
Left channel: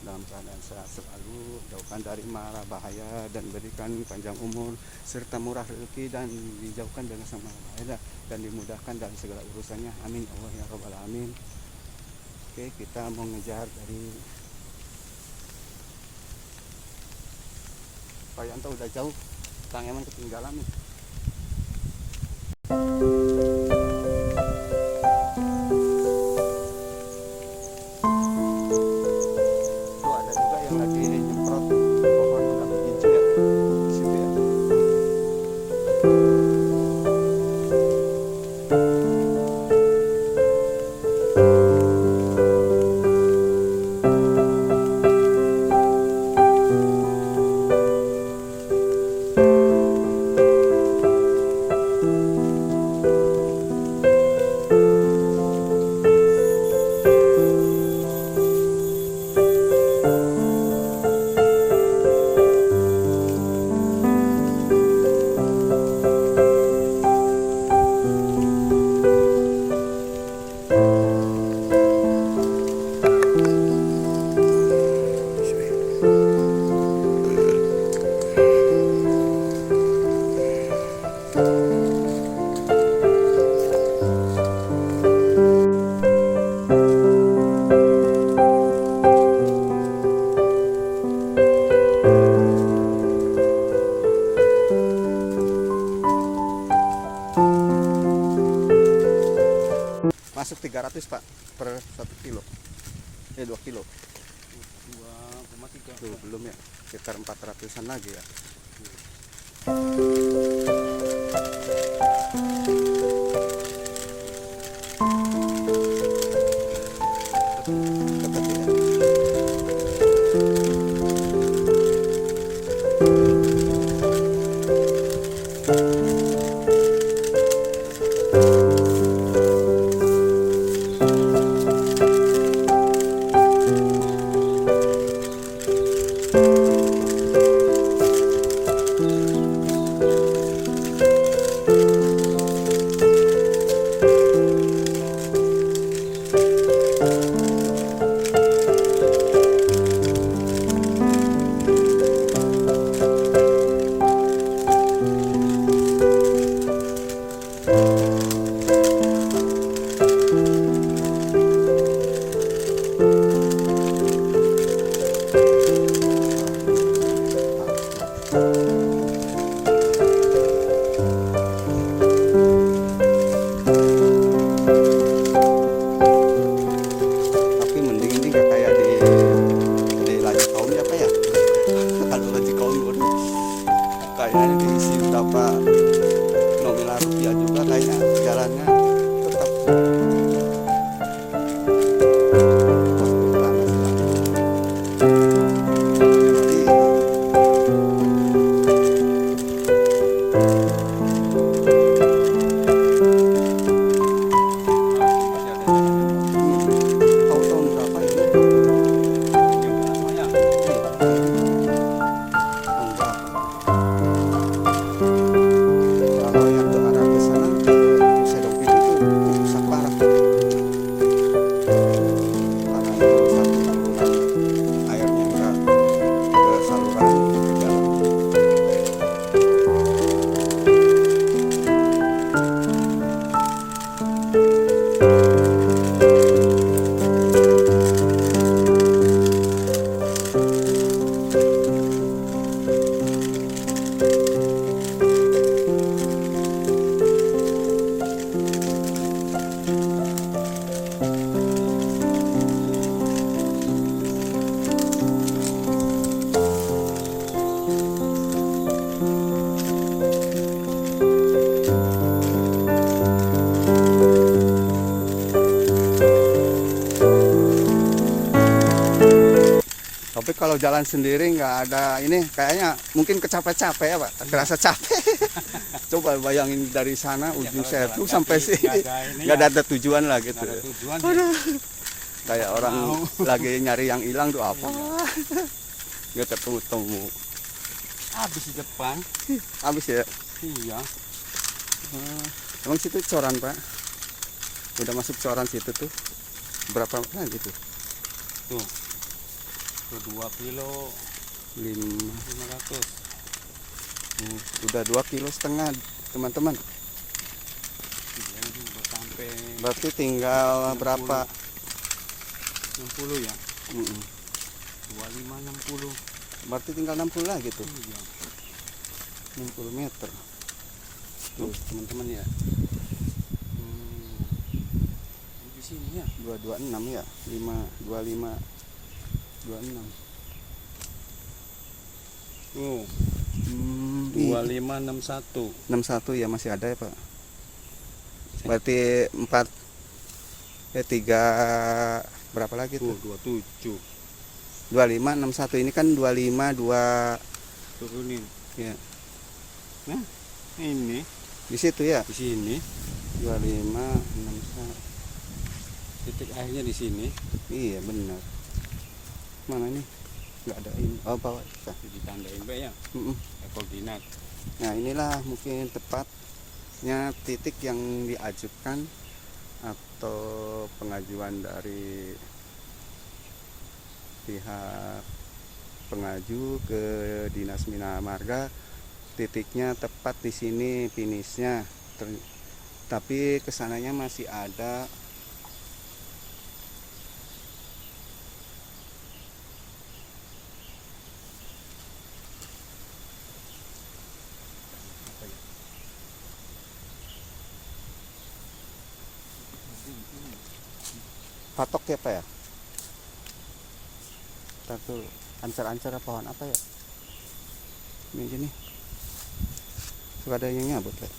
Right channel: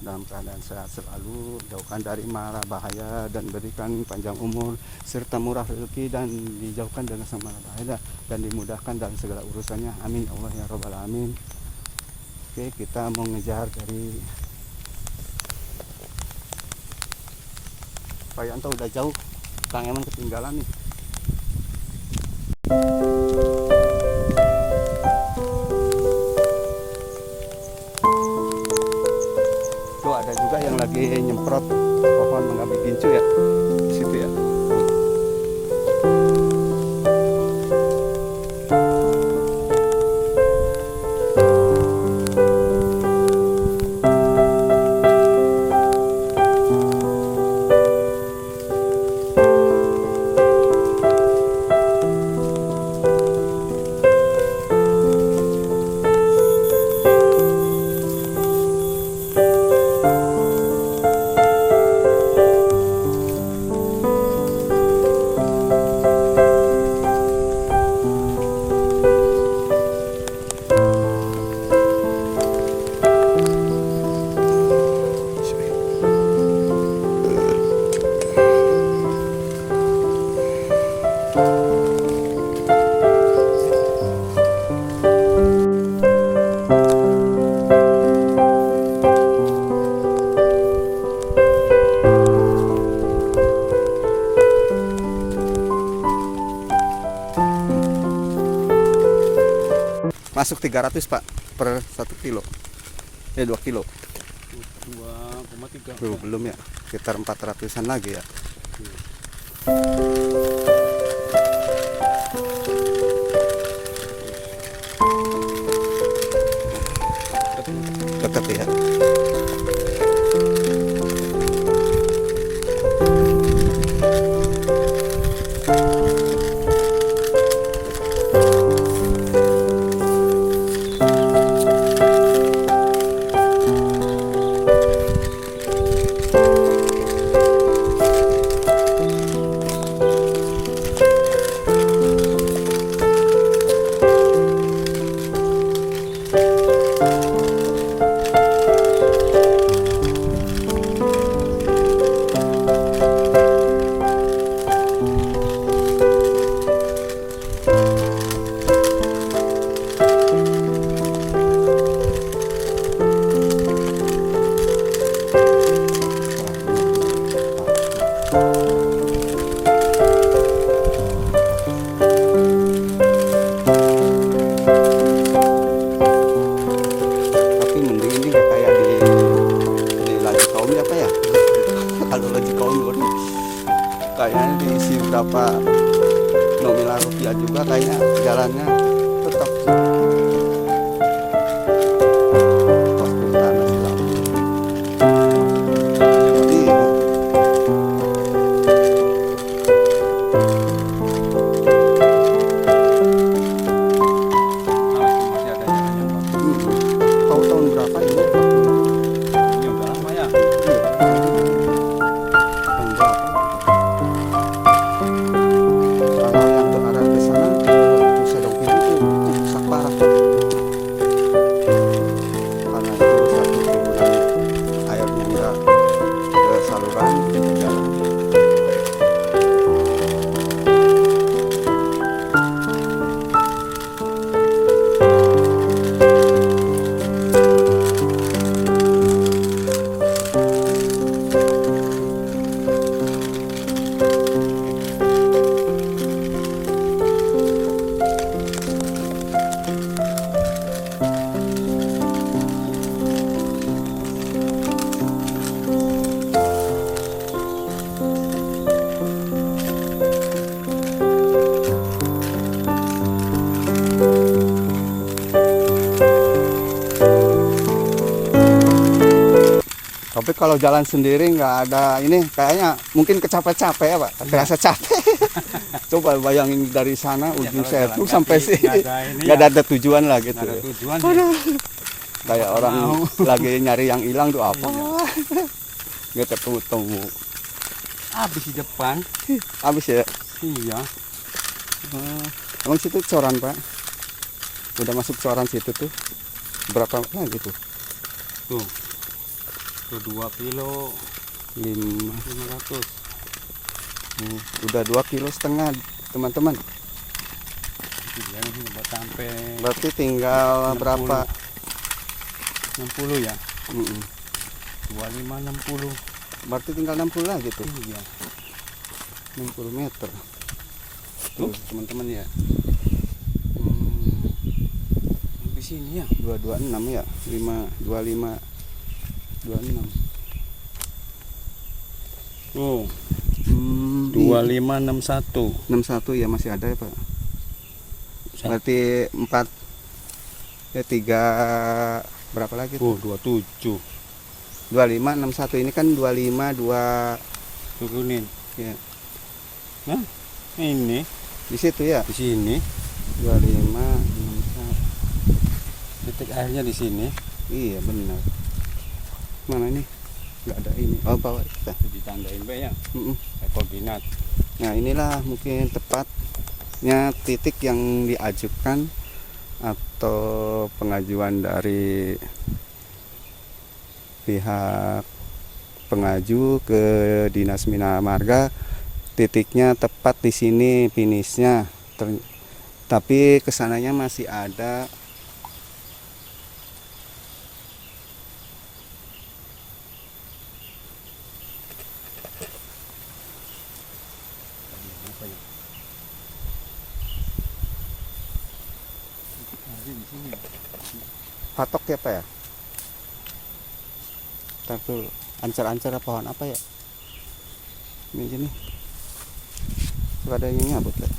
dalam keadaan sehat selalu, jauhkan dari mara bahaya dan berikan panjang umur serta murah rezeki dan dijauhkan dengan sama bahaya dan dimudahkan dalam segala urusannya. Amin ya Allah ya Rabbal Alamin. Oke, kita mau ngejar dari Pak Yanto, udah jauh, Kang Eman ketinggalan nih. Tuh ada juga yang lagi nyemprot pohon mangga begincu ya di situ ya. Masuk 300 Pak per 1 kilo. 2 kilo. 2,3. Tuh, belum ya. Sekitar 400-an lagi ya. Dekat ya. Kayaknya diisi berapa nominal rupiah juga, kayaknya jalannya tetap waktu utama silang. Jadi Masih ada jalan yang bagus. tahu tahun berapa ini? Ya udah lama ya. Tahun berapa? Kalau yang ke arah ke sana ke Nusa Dongkit itu rusak parah. Karena itu satu turunan airnya udah ke saluran ke jalan. Tapi kalau jalan sendiri nggak ada ini, kayaknya mungkin kecapek-capek ya Pak, kerasa capek. Coba bayangin dari sana ujung kalau Setu jalan sampai kaki, sini, nggak ada nggak ada tujuan lah gitu. Nggak ada tujuan ya. Kayak orang lagi nyari yang hilang tuh apa? Nggak ketemu. Habis di depan. Habis ya. Iya. Emang situ coran Pak? Udah masuk coran situ tuh. Berapa lagi tuh? Tuh. Tuh 2 kilo 500. 500. Udah 2,5 kilo teman-teman. Iya, ini udah sampai Berarti tinggal 60. berapa? 60 ya. Mm-mm. 25 60. Berarti tinggal 60 lagi tuh. Iya. 60 meter. Tuh teman-teman ya. Di sini ya. 226 ya. 525 26. Tuh, Hmm, 2561. 61 ya masih ada ya, Pak. Berarti 4 3 berapa lagi tuh? 27. 25 61 ini kan 25 2 Turunin. ya. Nah, ini Di situ ya. di sini. 25 61. Titik akhirnya di sini. Iya benar. Mana ini? Enggak ada ini. Oh, bawah kita. Ditandain Pak ya. Mm-mm. Koordinat. Nah, inilah mungkin tepatnya titik yang diajukan atau pengajuan dari pihak pengaju ke Dinas Bina Marga. Titiknya tepat di sini finishnya. Tapi kesananya masih ada patok ya, Pak ya? Ntar tuh ancar-ancar pohon apa ya? Ini gini. Tuh ada yang nyabut ya.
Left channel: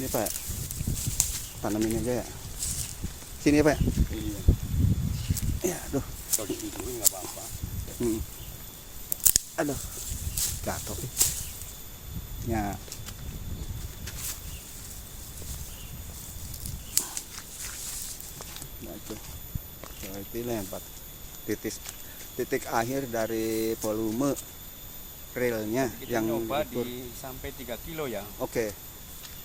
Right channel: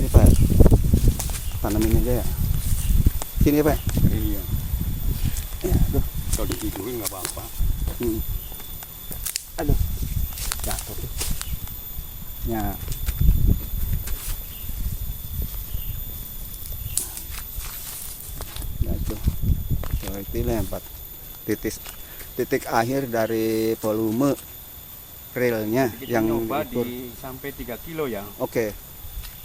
Ini Pak. Tanam ini aja ya. Sini Pak. Iya. Ya, aduh. Kalau ditidurin nggak apa-apa. Aduh. Jatuh. Ya. Jatuh. Coba itu lempar. Titik akhir dari volume relnya Kita yang nyoba diukur. di sampai 3 kilo ya. Oke.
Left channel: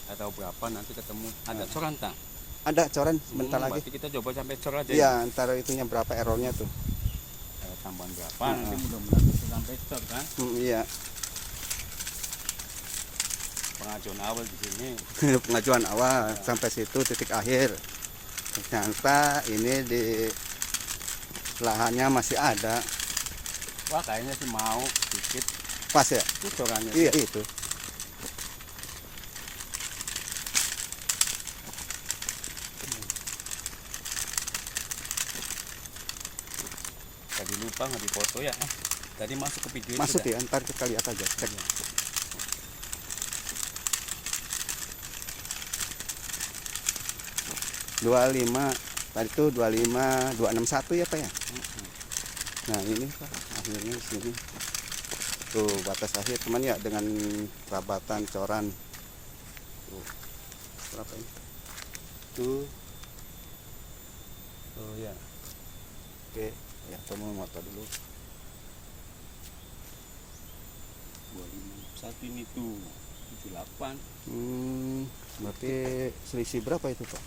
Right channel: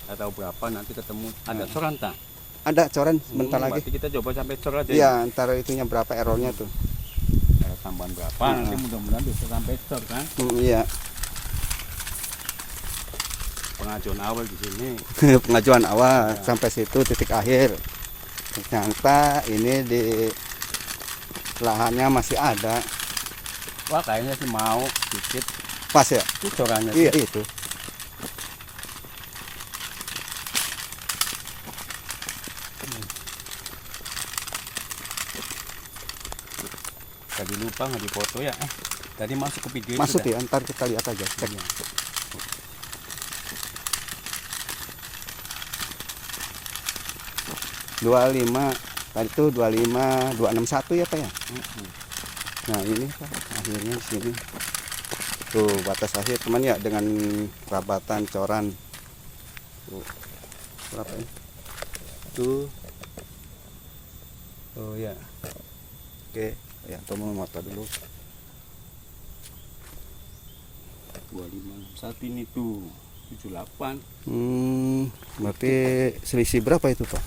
Nggak tahu berapa nanti ketemu. Ada coran tak? Ada coran bentar lagi. Berarti kita coba sampai cor aja. Iya, antara itunya berapa errornya tuh. Ada tambahan berapa? Nanti mudah-mudahan bisa sampai cor kan. Iya. Pengajuan awal di sini. Pengajuan awal Ya. sampai situ titik akhir. Ternyata ini di lahannya masih ada. Wah kayaknya sih mau sedikit. Pas ya? Itu corannya. Iya itu. Tadi lupa nggak dipoto ya. Tadi masuk ke video Masuk sudah. ya, ntar kita lihat aja. Cek. Iya. 25 tadi tuh 25 261 ya Pak ya. Mm-mm. Nah ini Pak akhirnya di sini. Tuh batas akhir teman ya dengan rabatan coran. Tuh. Berapa ini? Tuh. Oh ya. Oke, ya tolong motor dulu. 25 saat ini tuh 78. Berarti selisih berapa itu Pak?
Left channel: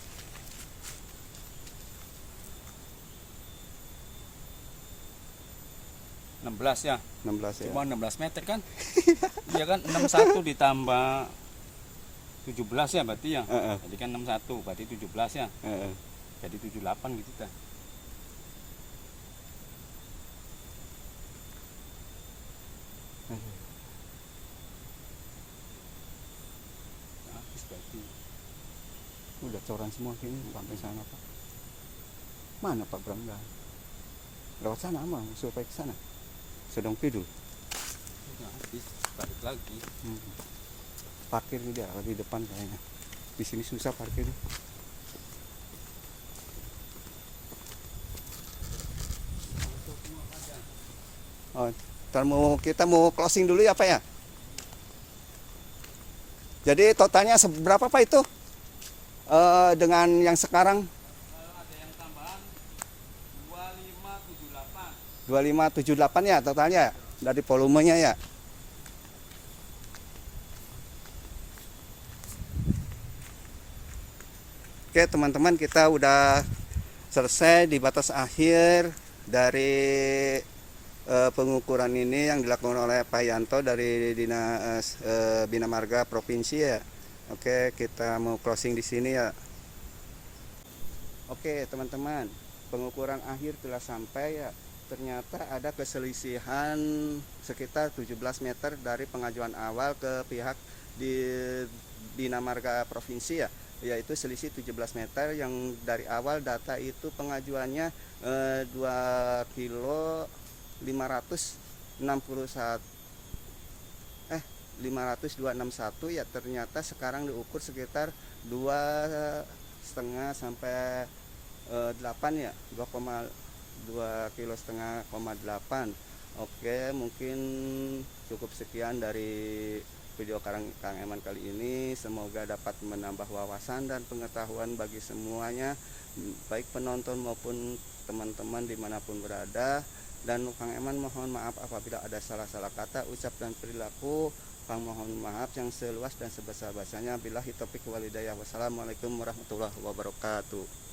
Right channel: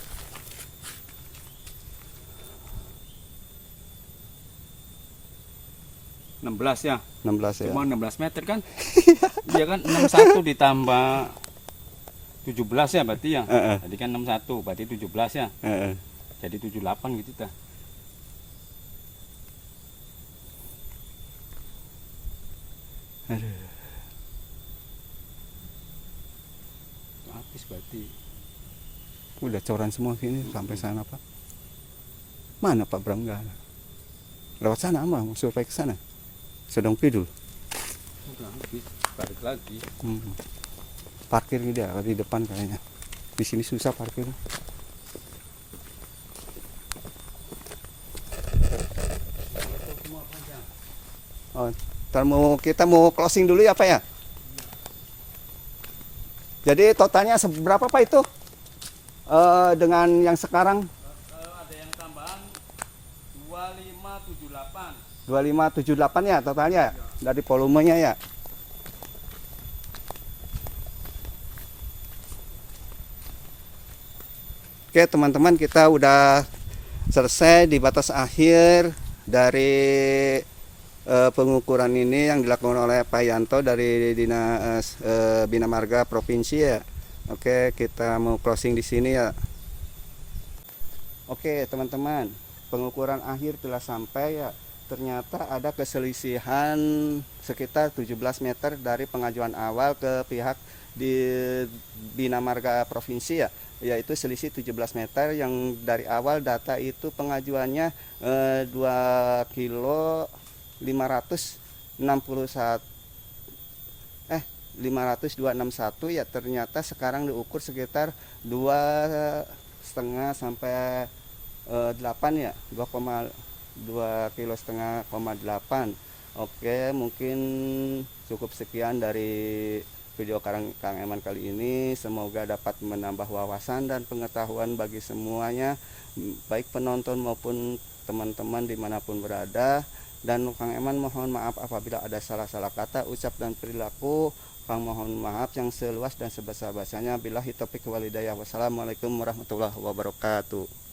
16 ya. 16 ya. Cuma 16 meter kan? Iya kan 61 ditambah 17 ya berarti ya. Heeh. Tadi kan 61 berarti 17 ya. Heeh. Jadi 78 gitu dah. Aduh. Habis berarti. Udah coran semua sini sampai sana Pak. Mana Pak Bram nggak ada? Lewat sana mah survei ke sana. Sedang pidul. Udah habis. Balik lagi. Parkir dia di depan kayaknya. Di sini susah parkir. Oh, kita mau closing dulu ya Pak ya. Jadi totalnya seberapa Pak itu? Dengan yang sekarang Ada yang tambahan 2578. 2578 ya totalnya dari volumenya ya. Oke teman-teman, kita udah selesai di batas akhir Dari pengukuran ini yang dilakukan oleh Pak Yanto dari Dinas Bina Marga Provinsi ya. Oke, kita mau closing di sini ya. Oke, teman-teman, pengukuran akhir telah sampai ya. Ternyata ada keselisihan sekitar 17 meter dari pengajuan awal ke pihak di Bina Marga Provinsi ya, yaitu selisih 17 meter yang dari awal data itu pengajuannya 2 kilo 561 50261 ya, ternyata sekarang diukur sekitar 2,5 sampai 8 ya, 2,2 kilo setengah, 8. Oke, mungkin cukup sekian dari video Kang Eman kali ini. Semoga dapat menambah wawasan dan pengetahuan bagi semuanya, baik penonton maupun teman-teman dimanapun berada. Dan Kang Eman mohon maaf apabila ada salah-salah kata, ucap dan perilaku. Kang mohon maaf yang seluas dan sebesar-besarnya. Billahi taufiq wal hidayah. Wassalamualaikum warahmatullahi wabarakatuh.